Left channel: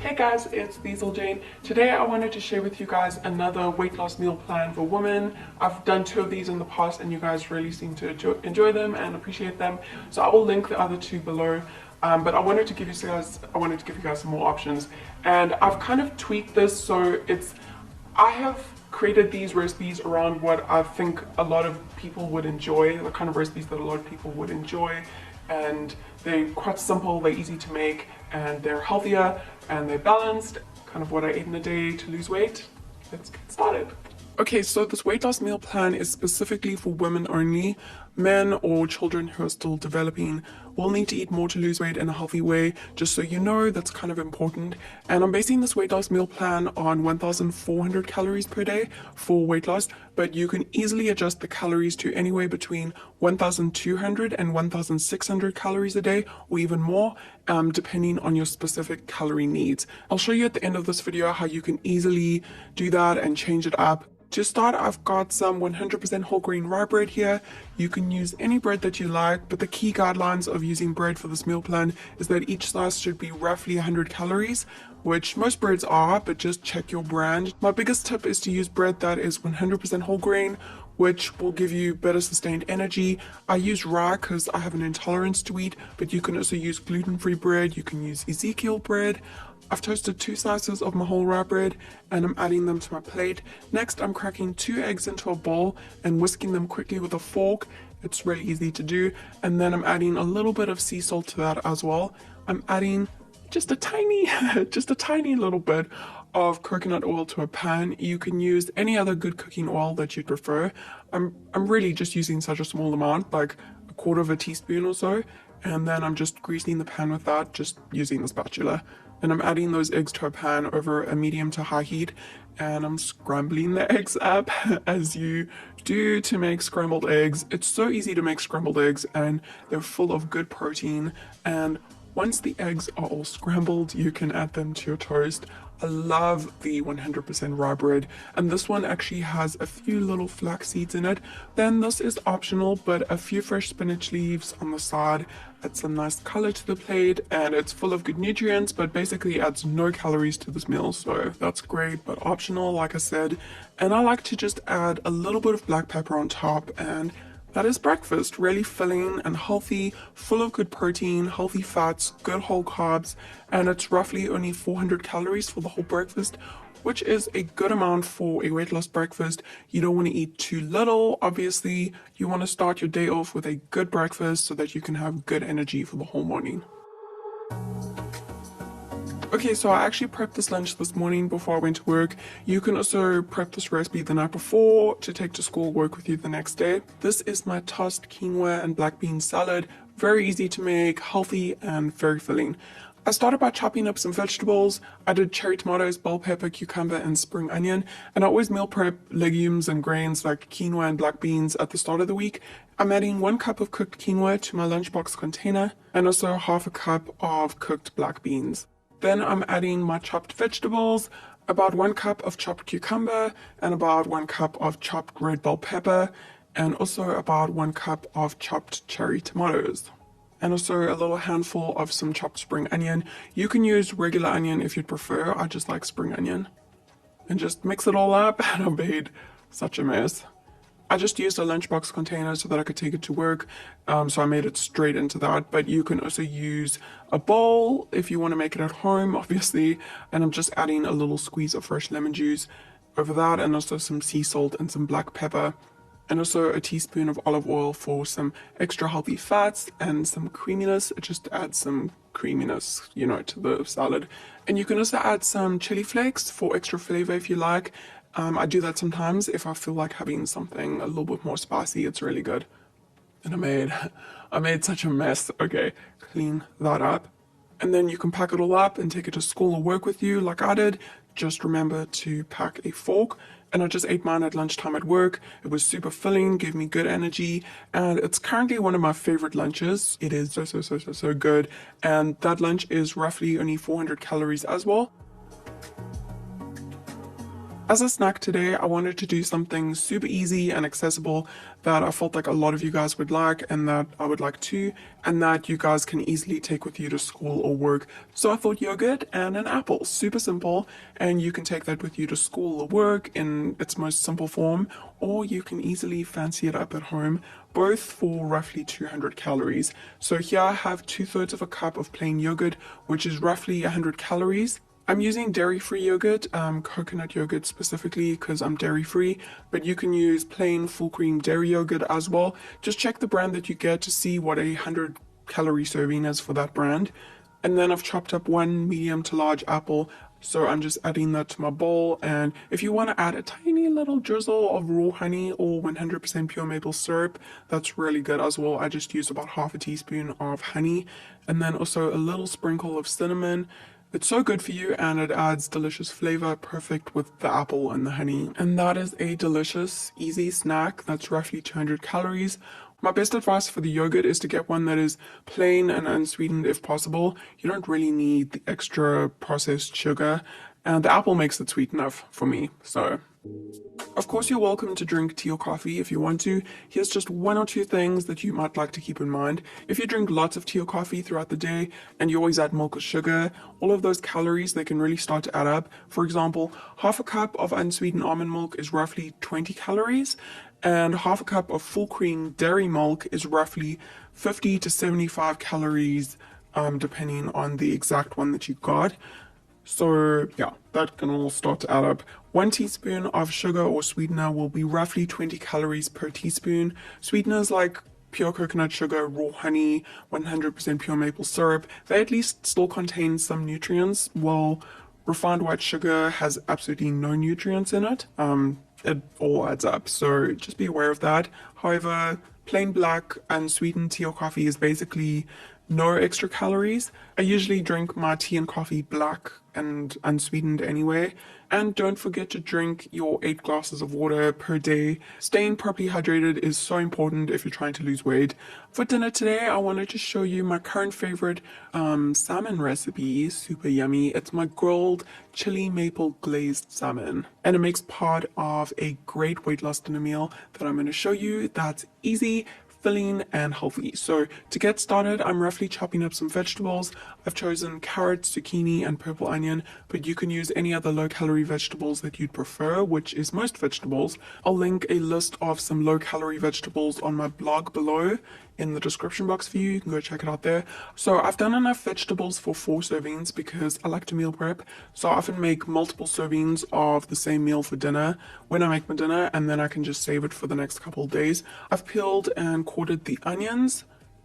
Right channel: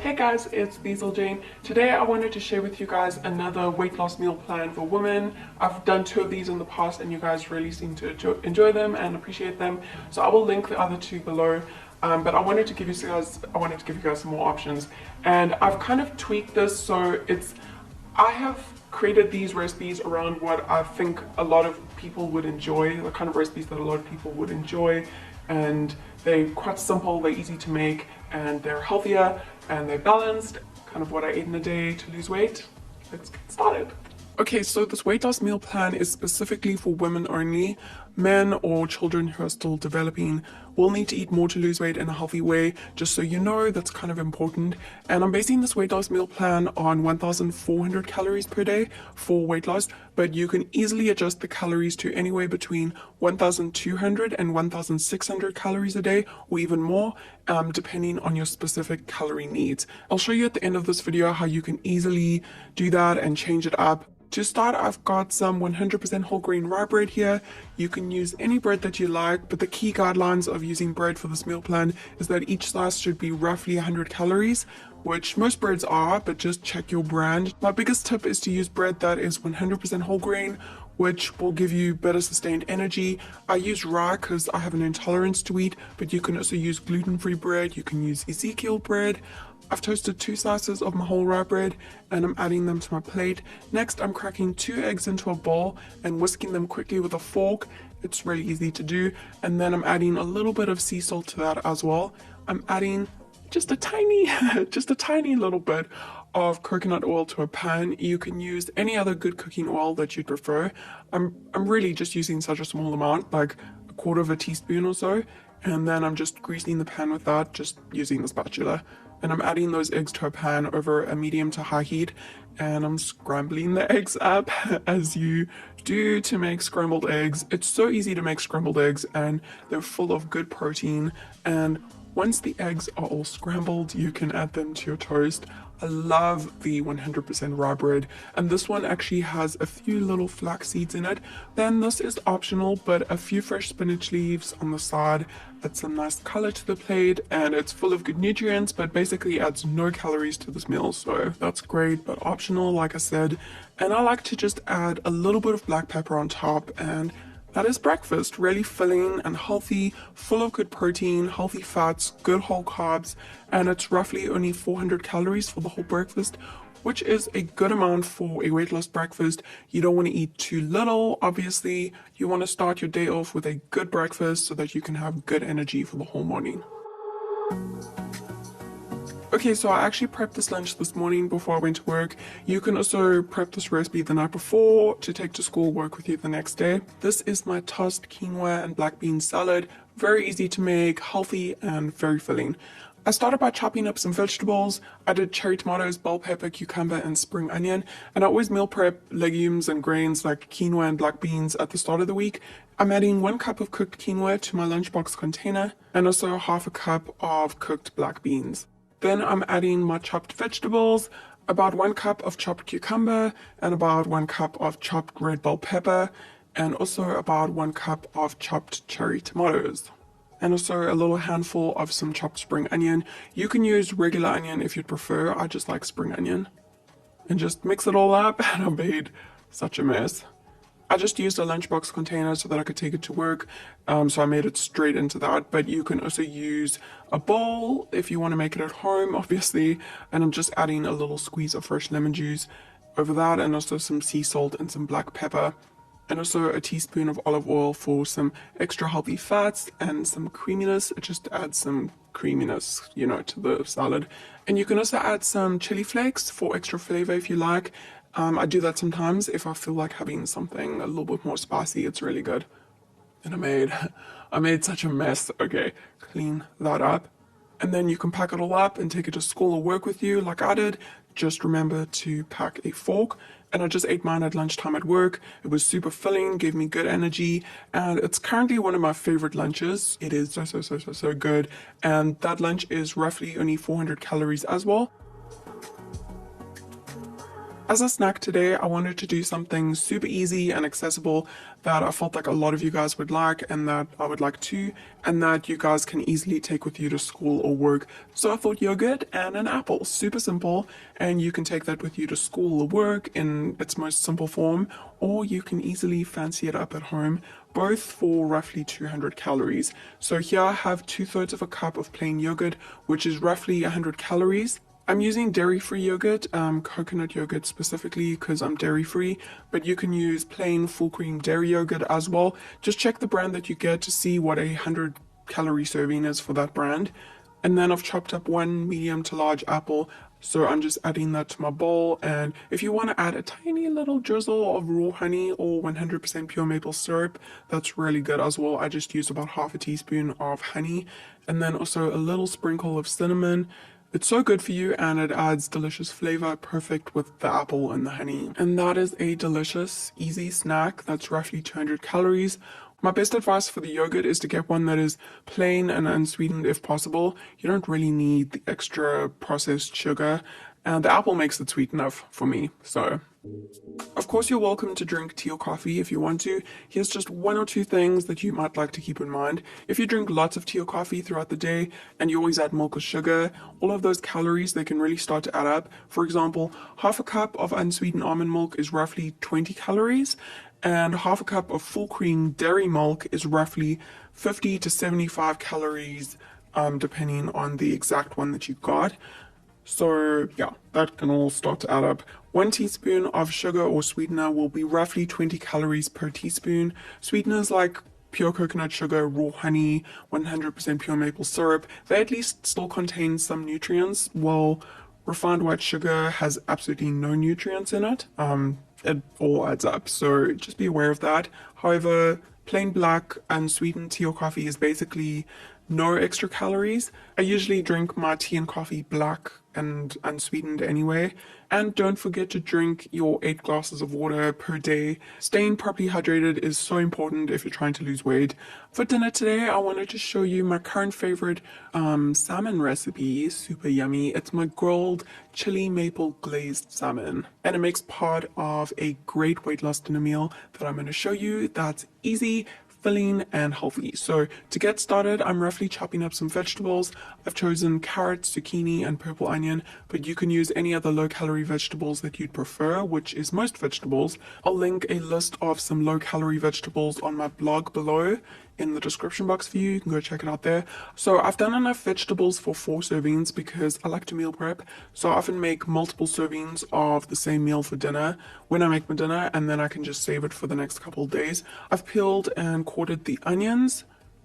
Hey guys, it's Diesel Jane. Today I wanted to share with you guys another weight loss meal plan for women. I've done 2 of these in the past and you guys really seem to enjoy them and appreciate them. So I will link the other 2 below. But I wanted to give you guys some more options. And I've kind of tweaked this so I have created these recipes around what I think a lot of people would enjoy, the kind of recipes that a lot of people would enjoy. And they're quite simple, they're easy to make, and they're healthier and they're balanced. Kind of what I ate in a day to lose weight. Let's get started. Okay, so this weight loss meal plan is specifically for women only. Men or children who are still developing will need to eat more to lose weight in a healthy way, just so you know, that's kind of important. And I'm basing this weight loss meal plan on 1,400 calories per day for weight loss, but you can easily adjust the calories to anywhere between 1,200 and 1,600 calories a day, or even more, depending on your specific calorie needs. I'll show you at the end of this video how you can easily do that and change it up. To start, I've got some 100% whole grain rye bread here. You can use any bread that you like, but the key guidelines of using bread for this meal plan is that each slice should be roughly 100 calories, which most breads are, but just check your brand. My biggest tip is to use bread that is 100% whole grain, which will give you better sustained energy. I use rye because I have an intolerance to wheat, but you can also use gluten-free bread. You can use Ezekiel bread. I've toasted 2 slices of my whole rye bread and I'm adding them to my plate. Next, I'm cracking 2 eggs into a bowl and whisking them quickly with a fork. It's really easy to do. And then I'm adding a little bit of sea salt to that as well. I'm adding just a tiny little bit of coconut oil to a pan. You can use any other good cooking oil that you prefer. I'm really just using such a small amount, like a 1/4 teaspoon or so. And then I'm just greasing the pan with that, just using the spatula. Then I'm adding those eggs to a pan over a medium to high heat, and I'm scrambling the eggs up as you do to make scrambled eggs. It's so easy to make scrambled eggs and they're full of good protein. And once the eggs are all scrambled, you can add them to your toast. I love the 100% rye bread, and this one actually has a few little flax seeds in it. Then this is optional, but a few fresh spinach leaves on the side adds some nice color to the plate, and it's full of good nutrients, but basically adds no calories to this meal, so that's great, but optional, like I said. And I like to just add a little bit of black pepper on top, and that is breakfast. Really filling and healthy, full of good protein, healthy fats, good whole carbs, and it's roughly only 400 calories for the whole breakfast, which is a good amount for a weight loss breakfast. You don't want to eat too little, obviously. You want to start your day off with a good breakfast so that you can have good energy for the whole morning. Okay, so I actually prepped this lunch this morning before I went to work. You can also prep this recipe the night before to take to school, work with you the next day. This is my tossed quinoa and black bean salad. Very easy to make, healthy, and very filling. I started by chopping up some vegetables. I did cherry tomatoes, bell pepper, cucumber, and spring onion. And I always meal prep legumes and grains like quinoa and black beans at the start of the week. I'm adding 1 cup of cooked quinoa to my lunchbox container and also 1/2 cup of cooked black beans. Then I'm adding my chopped vegetables, about 1 cup of chopped cucumber and about 1 cup of chopped red bell pepper, and also about 1 cup of chopped cherry tomatoes. And also a little handful of some chopped spring onion. You can use regular onion if you'd prefer. I just like spring onion. And just mix it all up, and I made such a mess. I just used a lunchbox container so that I could take it to work, so I made it straight into that. But you can also use a bowl if you want to make it at home, obviously. And I'm just adding a little squeeze of fresh lemon juice over that, and also some sea salt and some black pepper, and also a teaspoon of olive oil for some extra healthy fats and some creaminess. It just adds some creaminess, to the salad. And you can also add some chili flakes for extra flavor if you like. I do that sometimes if I feel like having something a little bit more spicy. It's really good. And I made such a mess. Okay, clean that up. And then you can pack it all up and take it to school or work with you like I did. Just remember to pack a fork. And I just ate mine at lunchtime at work. It was super filling, gave me good energy, and it's currently one of my favorite lunches. It is so good. And that lunch is roughly only 400 calories as well. As a snack today, I wanted to do something super easy and accessible that I felt like a lot of you guys would like and that I would like too, and that you guys can easily take with you to school or work. So I thought yogurt and an apple, super simple, and you can take that with you to school or work in its most simple form, or you can easily fancy it up at home, both for roughly 200 calories. So here I have 2/3 of a cup of plain yogurt, which is roughly 100 calories. I'm using dairy-free yogurt, coconut yogurt specifically because I'm dairy-free, but you can use plain full cream dairy yogurt as well. Just check the brand that you get to see what a 100-calorie serving is for that brand. And then I've chopped up one medium to large apple, so I'm just adding that to my bowl. And if you want to add a tiny little drizzle of raw honey or 100% pure maple syrup, that's really good as well. I just used about half a teaspoon of honey, and then also a little sprinkle of cinnamon. It's so good for you and it adds delicious flavor, perfect with the apple and the honey. And that is a delicious, easy snack that's roughly 200 calories. My best advice for the yogurt is to get one that is plain and unsweetened if possible. You don't really need the extra processed sugar, and the apple makes it sweet enough for me. So of course, you're welcome to drink tea or coffee if you want to. Here's just one or two things that you might like to keep in mind. If you drink lots of tea or coffee throughout the day and you always add milk or sugar, all of those calories, they can really start to add up. For example, half a cup of unsweetened almond milk is roughly 20 calories, and half a cup of full cream dairy milk is roughly 50 to 75 calories, depending on the exact one that you got. So yeah, that can all start to add up. 1 teaspoon of sugar or sweetener will be roughly 20 calories per teaspoon. Sweeteners like pure coconut sugar, raw honey, 100% pure maple syrup, they at least still contain some nutrients, while refined white sugar has absolutely no nutrients in it. It all adds up, so just be aware of that. However, plain black unsweetened tea or coffee is basically no extra calories. I usually drink my tea and coffee black and unsweetened anyway. And don't forget to drink your 8 glasses of water per day. Staying properly hydrated is so important if you're trying to lose weight. For dinner today, I wanted to show you my current favorite salmon recipe. Super yummy. It's my grilled chili maple glazed salmon. And it makes part of a great weight loss dinner meal that I'm going to show you that's easy, filling and healthy. So to get started, I'm roughly chopping up some vegetables. I've chosen carrots, zucchini and purple onion, but you can use any other low calorie vegetables that you'd prefer, which is most vegetables. I'll link a list of some low calorie vegetables on my blog below in the description box for you. You can go check it out there. So I've done enough vegetables for 4 servings because I like to meal prep. So I often make multiple servings of the same meal for dinner when I make my dinner, and then I can just save it for the next couple of days. I've peeled and quartered the onions,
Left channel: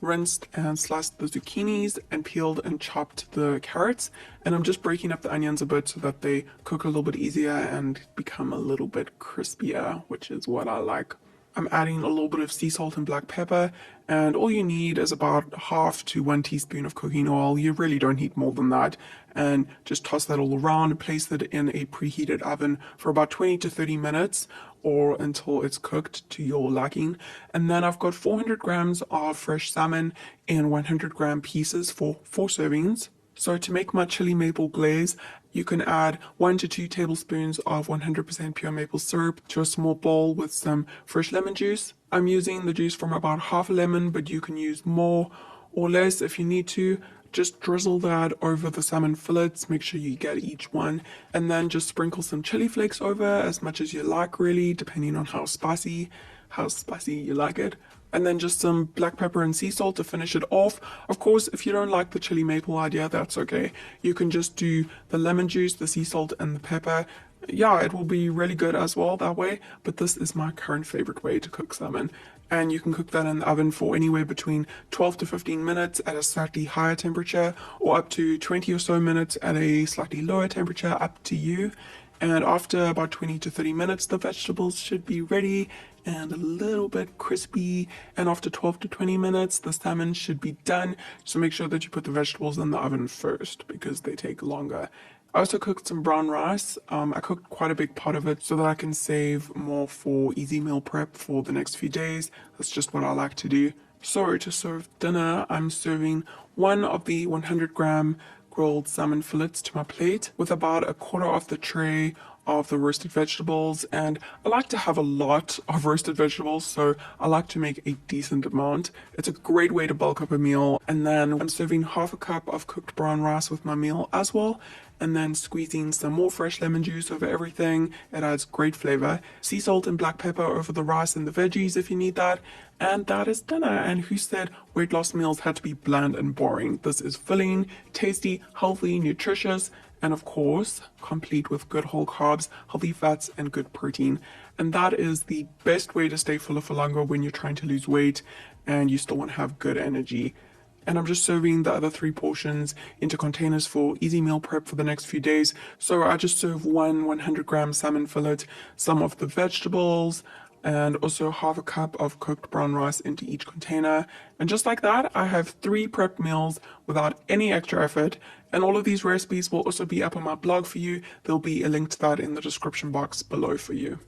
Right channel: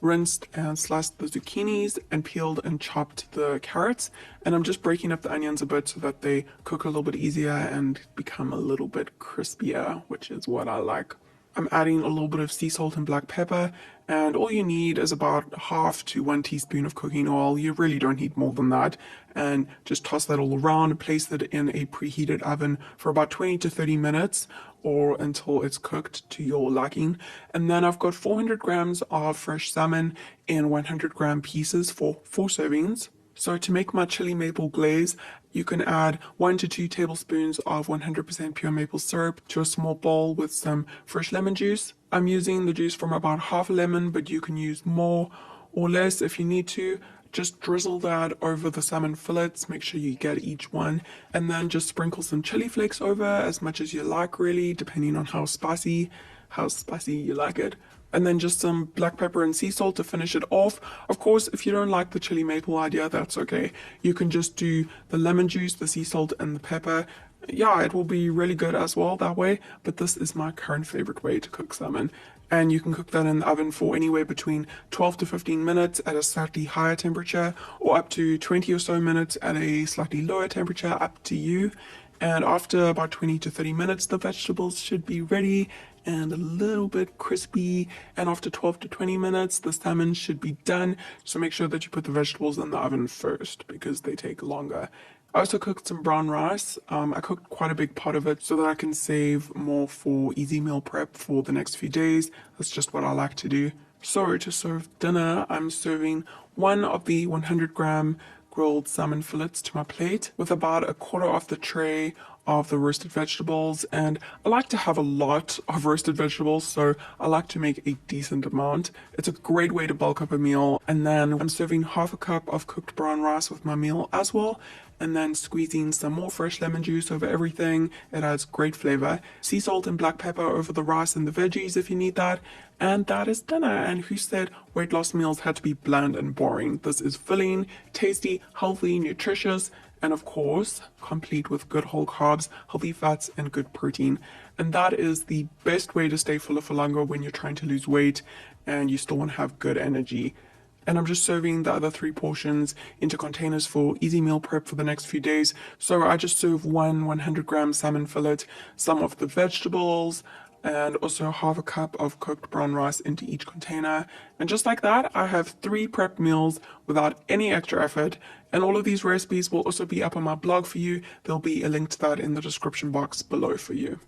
rinsed and sliced the zucchinis, and peeled and chopped the carrots. And I'm just breaking up the onions a bit so that they cook a little bit easier and become a little bit crispier, which is what I like. I'm adding a little bit of sea salt and black pepper, and all you need is about half to 1 teaspoon of cooking oil. You really don't need more than that. And just toss that all around, place it in a preheated oven for about 20 to 30 minutes or until it's cooked to your liking. And then I've got 400 grams of fresh salmon in 100-gram pieces for 4 servings. So to make my chili maple glaze, you can add 1 to 2 tablespoons of 100% pure maple syrup to a small bowl with some fresh lemon juice. I'm using the juice from about half a lemon, but you can use more or less if you need to. Just drizzle that over the salmon fillets, make sure you get each one, and then just sprinkle some chili flakes over as much as you like, really, depending on how spicy you like it. And then just some black pepper and sea salt to finish it off. Of course, if you don't like the chili maple idea, that's okay. You can just do the lemon juice, the sea salt, and the pepper. Yeah, it will be really good as well that way, but this is my current favorite way to cook salmon. And you can cook that in the oven for anywhere between 12 to 15 minutes at a slightly higher temperature, or up to 20 or so minutes at a slightly lower temperature, up to you. And after about 20 to 30 minutes, the vegetables should be ready and a little bit crispy. And after 12 to 20 minutes, the salmon should be done. So make sure that you put the vegetables in the oven first because they take longer. I also cooked some brown rice. I cooked quite a big pot of it so that I can save more for easy meal prep for the next few days. That's just what I like to do. So to serve dinner, I'm serving one of the 100-gram grilled salmon fillets to my plate with about a quarter of the tray of the roasted vegetables, and I like to have a lot of roasted vegetables, so I like to make a decent amount. It's a great way to bulk up a meal. And then I'm serving half a cup of cooked brown rice with my meal as well, and then squeezing some more fresh lemon juice over everything. It adds great flavor. Sea salt and black pepper over the rice and the veggies if you need that. And that is dinner. And who said weight loss meals had to be bland and boring? This is filling, tasty, healthy, nutritious, and of course, complete with good whole carbs, healthy fats, and good protein. And that is the best way to stay fuller for longer when you're trying to lose weight and you still want to have good energy. And I'm just serving the other 3 portions into containers for easy meal prep for the next few days. So I just serve one 100-gram salmon fillet, some of the vegetables, and also half a cup of cooked brown rice into each container. And just like that, I have 3 prep meals without any extra effort. And all of these recipes will also be up on my blog for you. There'll be a link to that in the description box below for you.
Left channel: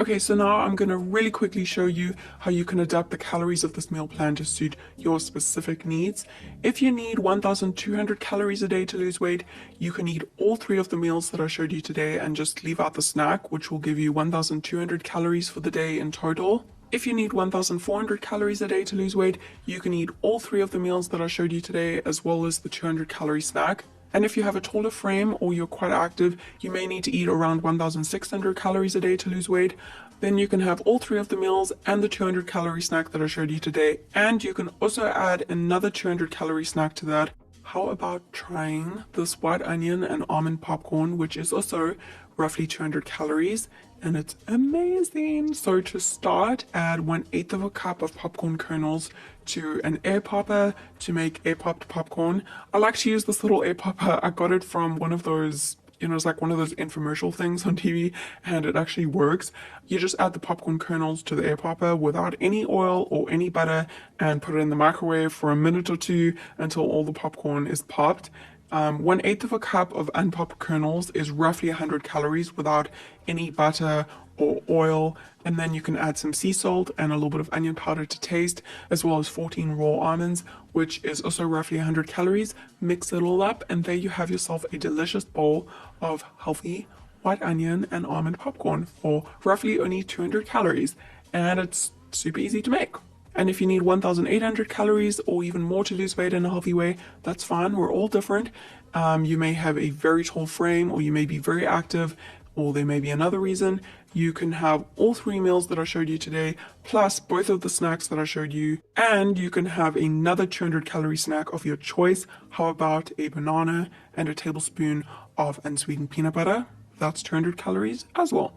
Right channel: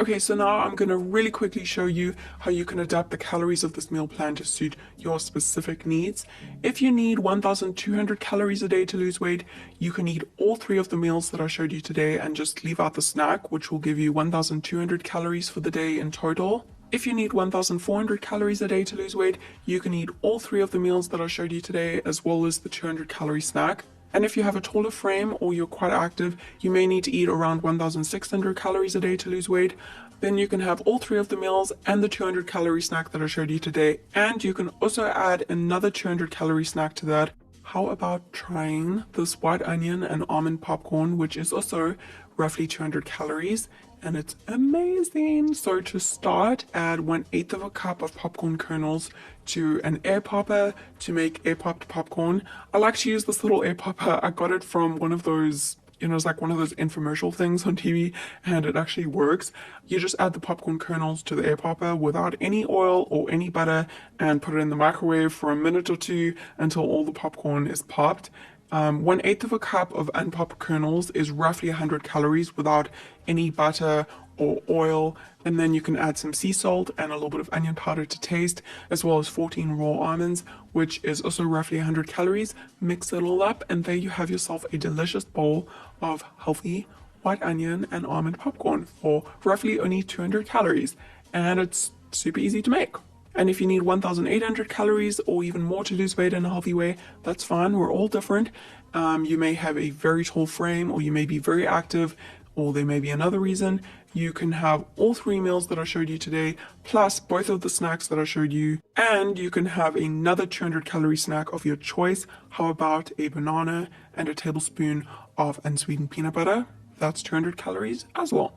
Okay, so now I'm going to really quickly show you how you can adapt the calories of this meal plan to suit your specific needs. If you need 1,200 calories a day to lose weight, you can eat all 3 of the meals that I showed you today and just leave out the snack, which will give you 1,200 calories for the day in total. If you need 1,400 calories a day to lose weight, you can eat all 3 of the meals that I showed you today, as well as the 200 calorie snack. And if you have a taller frame or you're quite active, you may need to eat around 1,600 calories a day to lose weight. Then you can have all 3 of the meals and the 200 calorie snack that I showed you today. And you can also add another 200 calorie snack to that. How about trying this white onion and almond popcorn, which is also roughly 200 calories, and it's amazing. So to start, add 1/8 of a cup of popcorn kernels to an air popper to make air popped popcorn. I like to use this little air popper. I got it from one of those, it's like one of those infomercial things on TV, and it actually works. You just add the popcorn kernels to the air popper without any oil or any butter and put it in the microwave for a minute or 2 until all the popcorn is popped. 1/8 of a cup of unpopped kernels is roughly 100 calories without any butter or oil. And then you can add some sea salt and a little bit of onion powder to taste, as well as 14 raw almonds, which is also roughly 100 calories. Mix it all up, and there you have yourself a delicious bowl of healthy white onion and almond popcorn for roughly only 200 calories. And it's super easy to make. And if you need 1,800 calories or even more to lose weight in a healthy way, that's fine. We're all different. You may have a very tall frame, or you may be very active, or there may be another reason. You can have all 3 meals that I showed you today, plus both of the snacks that I showed you, and you can have another 200 calorie snack of your choice. How about a banana and a tablespoon of unsweetened peanut butter? That's 200 calories as well.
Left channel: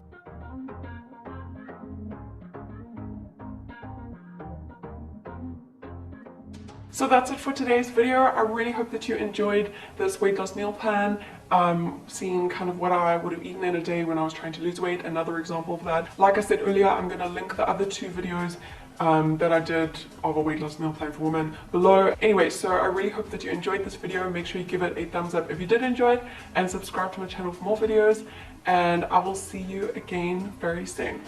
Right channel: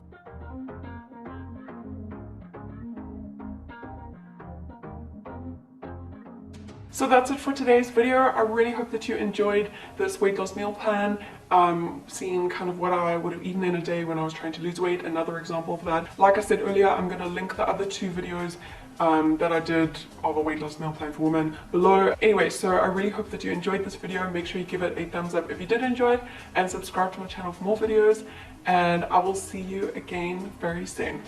So that's it for today's video. I really hope that you enjoyed this weight loss meal plan, seeing kind of what I would have eaten in a day when I was trying to lose weight. Another example of that. Like I said earlier, I'm going to link the other 2 videos that I did of a weight loss meal plan for women below. Anyway, so I really hope that you enjoyed this video. Make sure you give it a thumbs up if you did enjoy it, and subscribe to my channel for more videos. And I will see you again very soon.